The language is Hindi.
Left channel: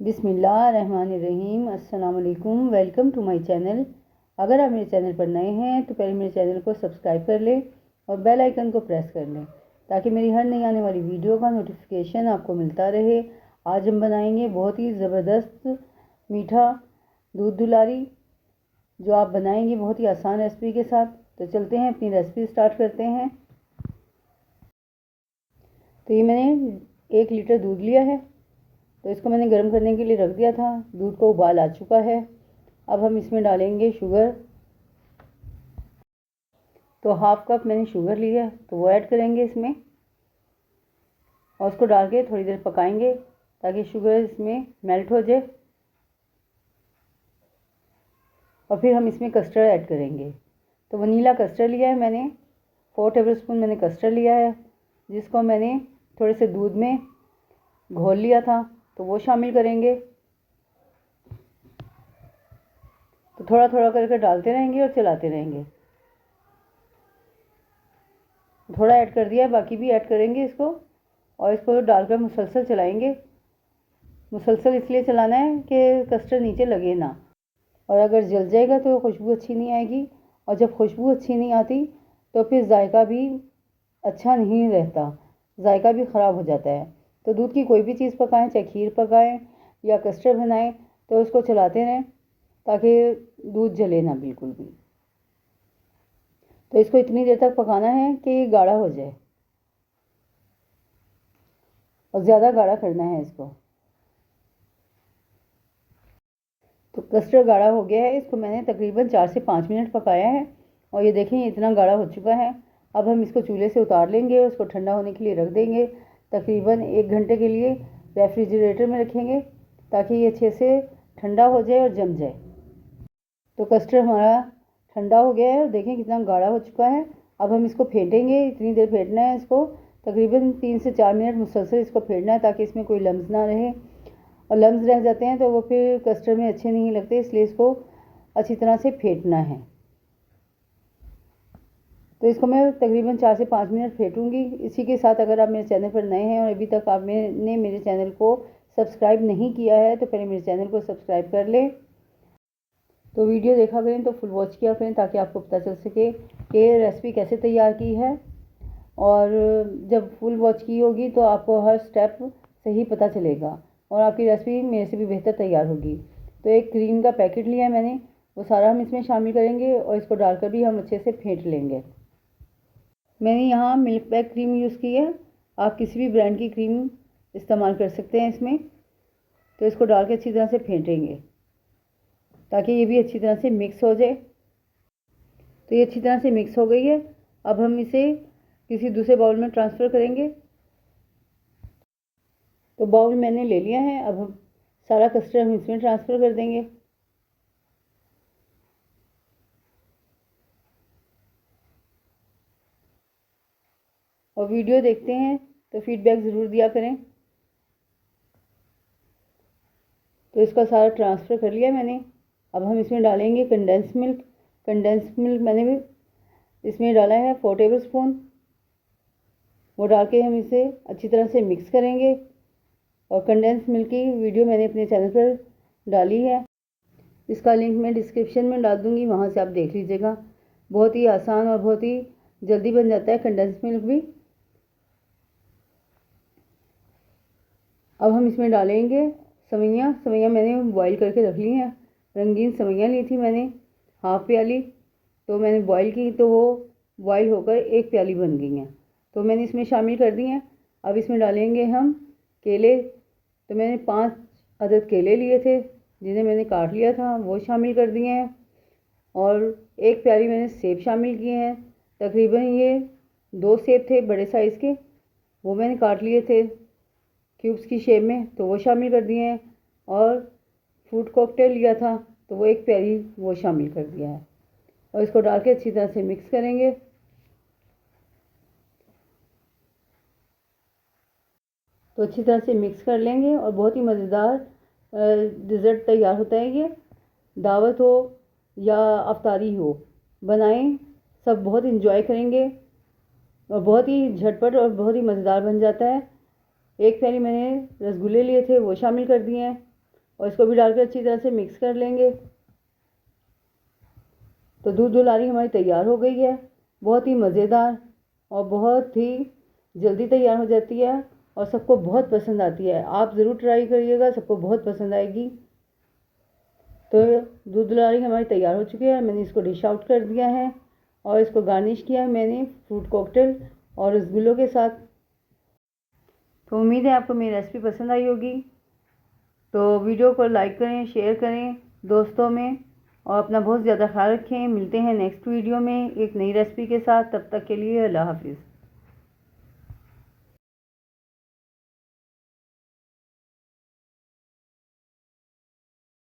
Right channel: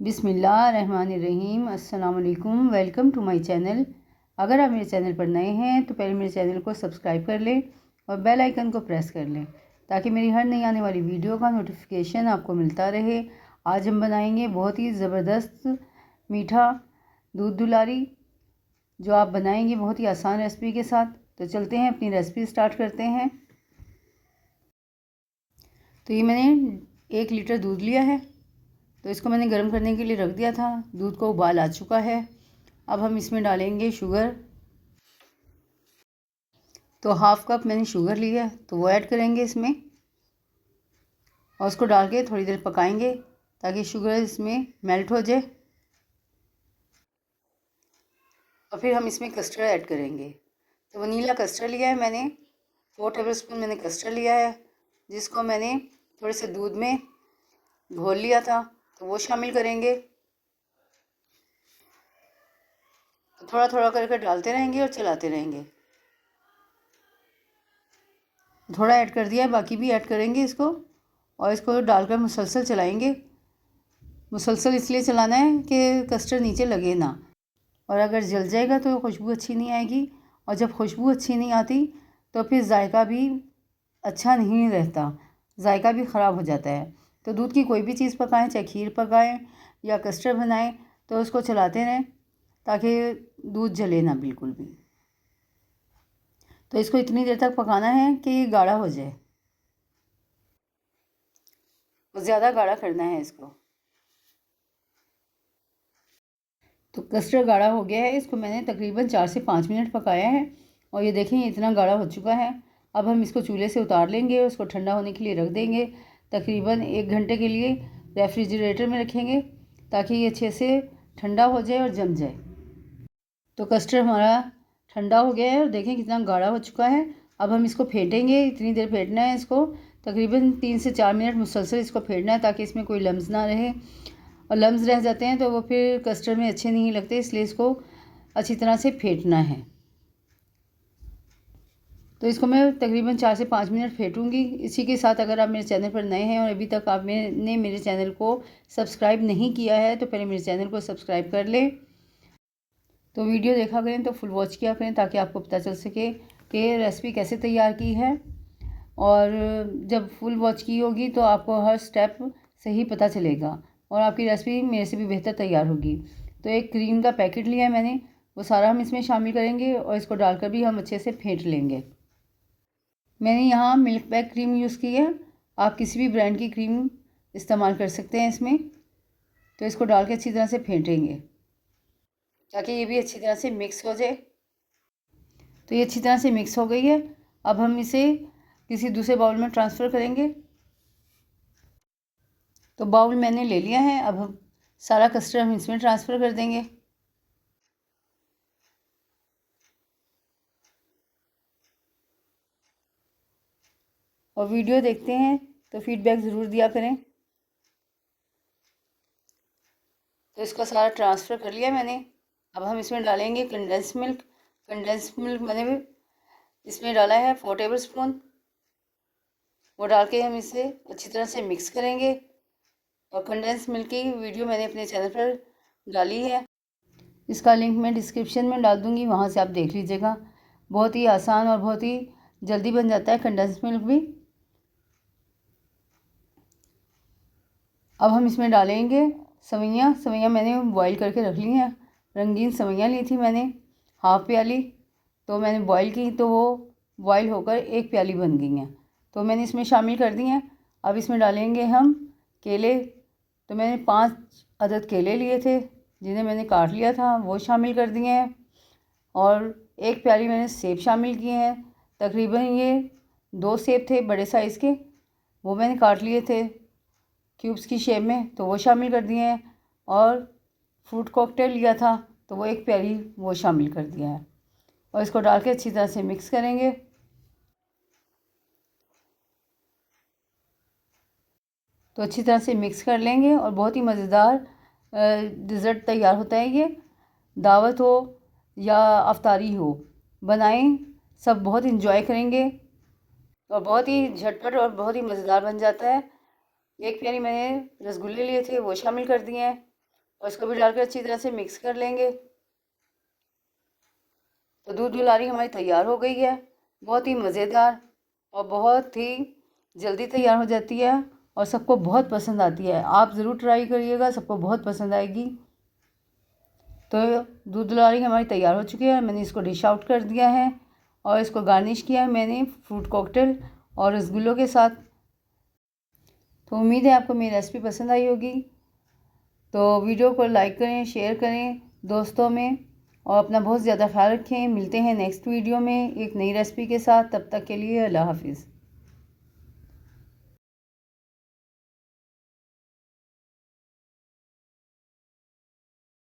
बिस्मिल्लाहिर्रहमानिर्रहीम। अस्सलाम वालेकुम। Welcome to my channel. अगर आप मेरे चैनल पर नए हैं तो पहले मेरे चैनल को सब्सक्राइब कर लें और बेल आइकन को प्रेस कर लें ताकि मेरी हर नई आने वाली वीडियो का नोटिफिकेशन आपको मिलता रहे। आज हम बनाएंगे बहुत ही ज़बरदस्त मीठा दूध दुलारी, जो आप बनाएंगे बहुत ही आसान रेसिपी के साथ। तो चलते हैं अपनी रेसिपी स्टार्ट करते हैं। तो ये मैंने 1 लीटर दूध लिया है, तो इसको मैंने गर्म करने के लिए रख दिया था। दूध को उबाल आ चुका है। अब हम इसमें डालेंगे शुगर। तो हाफ कप मैंने शुगर लिया, तो वो ऐड करेंगे इसमें और उसको डाल के थोड़ी देर पकाएंगे ताकि शुगर इसमें मेल्ट हो जाए। और फिर हम इसमें कस्टर्ड ऐड करेंगे। तो वनीला कस्टर्ड लिया है मैंने, 4 टेबलस्पून मैंने कस्टर्ड लिया है, जिसको मैंने थोड़े से दूध में घोल लिया था, तो वो शामिल करेंगे। तो थोड़ा थोड़ा करके डालते रहेंगे और चलाते रहेंगे। थोड़ा ऐड कर दिया है, बाकी भी ऐड करेंगे इसको और इसको डालकर मुसलसल चलाएंगे। मुसलसल इसलिए चलाना है कि कस्टर्ड नीचे लगे ना, और अगर जल जाएगा तो खुशबू अच्छी नहीं आएगी, और जब खुशबू अच्छी नहीं आती तो फिर जायका भी अच्छा नहीं रहता, जायका भी ख़राब हो जाता है। तो दूध की कोई भी चीज़ पकाएं, चाहे खीर पकाएं या कस्टर्ड बनाएं, तो उसको चलाते रहें ताकि दूध जले ना बिल्कुल भी। तो इसको इतनी देर तक पकाना है कि ये गाढ़ा हो जाए, और ज़्यादा गाढ़ा करना है इसको। तो कस्टर्ड गाढ़ा हो गया है, इसको मैंने तकरीबन 4 से 5 मिनट पकाया है और ये देखें इतना गाढ़ा हो चुका है। अब हम इसको चूल्हे से उतार लेंगे और उसको ठंडा होने के लिए रख देंगे। तकरीबन 1 घंटे के लिए रेफ्रिजरेटर में रखेंगे ताकि ये अच्छे से ठंडा हो जाए और जम जाए। तो कस्टर्ड हमारा ठंडा हो गया है और देखें कितना गाढ़ा हो चुका है। अब हम इसको फेंटेंगे, इतनी देर फेंटना है इसको, तकरीबन 3 से 4 मिनट मुसलसल इसको फेंटना है ताकि इसमें कोई लम्स ना रहे, और लम्स रह जाते हैं तो वो फिर कस्टर्ड में अच्छे नहीं लगते, इसलिए इसको अच्छी तरह से फेंटना है। तो इसको मैं तकरीबन 4 से 5 मिनट फेंटूंगी। इसी के साथ अगर आप मेरे चैनल पर नए हैं और अभी तक आपने मेरे चैनल को सब्सक्राइब नहीं किया है तो पहले मेरे चैनल को सब्सक्राइब कर लें। तो वीडियो देखा करें, तो फुल वॉच किया करें ताकि आपको पता चल सके कि रेसिपी कैसे तैयार की है। और जब फुल वॉच की होगी तो आपको हर स्टेप सही पता चलेगा और आपकी रेसिपी मेरे से भी बेहतर तैयार होगी। तो एक क्रीम का पैकेट लिया है मैंने, वो सारा हम इसमें शामिल करेंगे और इसको डालकर भी हम अच्छे से फेंट लेंगे। मैंने यहाँ मिल्क पैक क्रीम यूज़ की है, आप किसी भी ब्रांड की क्रीम इस्तेमाल कर सकते हैं इसमें। तो इसको डाल के अच्छी तरह से फेंटेंगे ताकि ये भी अच्छी तरह से मिक्स हो जाए। तो ये अच्छी तरह से मिक्स हो गई है। अब हम इसे किसी दूसरे बाउल में ट्रांसफ़र करेंगे। तो बाउल मैंने ले लिया है, अब हम सारा कस्टर्ड हम इसमें ट्रांसफ़र कर देंगे। और वीडियो देखते हैं तो फीडबैक ज़रूर दिया करें। तो इसका सारा ट्रांसफ़र कर लिया मैंने। अब हम इसमें डालेंगे कंडेंस मिल्क। कंडेंस मिल्क मैंने भी इसमें डाला है 4 टेबलस्पून। वो डाल के हम इसे अच्छी तरह से मिक्स करेंगे। और कंडेंस मिल्क की वीडियो मैंने अपने चैनल पर डाली है, इसका लिंक मैं डिस्क्रिप्शन में डाल दूँगी, वहाँ से आप देख लीजिएगा। बहुत ही आसान और बहुत ही जल्दी बन जाता है कंडेंस मिल्क भी। अब हम इसमें डालेंगे सवैयाँ। सवैयाँ मैंने बॉईल करके रख ली हैं, रंगीन सवैयाँ ली थी मैंने, हाफ़ प्याली। तो मैंने बॉईल की तो वो बॉईल होकर 1 प्याली बन गई हैं, तो मैंने इसमें शामिल कर दी हैं। अब इसमें डालेंगे हम केले। तो मैंने 5 अदद केले लिए थे जिन्हें मैंने काट लिया था, वो शामिल कर दिए हैं। और 1 प्याली मैंने सेब शामिल किए हैं। तकरीबन ये 2 सेब थे बड़े साइज़ के, वो मैंने काट लिए थे क्यूब्स की शेप में, तो वो शामिल कर दिए हैं। और फ्रूट कॉकटेल लिया था तो वो 1 प्याली वो शामिल कर दिया है। और इसको डाल के अच्छी तरह से मिक्स करेंगे। तो अच्छी तरह से मिक्स कर लेंगे और बहुत ही मज़ेदार डिज़र्ट तैयार होता है ये। दावत हो या अफ्तारी हो, बनाएं, सब बहुत इंजॉय करेंगे और बहुत ही झटपट और बहुत ही मज़ेदार बन जाता है। 1 प्याली मैंने रसगुल्ले लिए थे, वो शामिल कर दिए हैं। और इसको भी डालकर अच्छी तरह से मिक्स कर लेंगे। तो दूध दुलारी हमारी तैयार हो गई है। बहुत ही मज़ेदार और बहुत ही जल्दी तैयार हो जाती है और सबको बहुत पसंद आती है। आप ज़रूर ट्राई करिएगा, सबको बहुत पसंद आएगी। तो दूध दुलारी हमारी तैयार हो चुकी है। मैंने इसको डिश आउट कर दिया है और इसको गार्निश किया है मैंने फ्रूट कॉकटेल और रसगुल्लों के साथ। तो उम्मीद है आपको मेरी रेसिपी पसंद आई होगी। तो वीडियो को लाइक करें, शेयर करें दोस्तों में और अपना बहुत ज़्यादा ख्याल रखें। मिलते हैं नेक्स्ट वीडियो में एक नई रेसिपी के साथ। तब तक के लिए अल्लाह हाफिज़।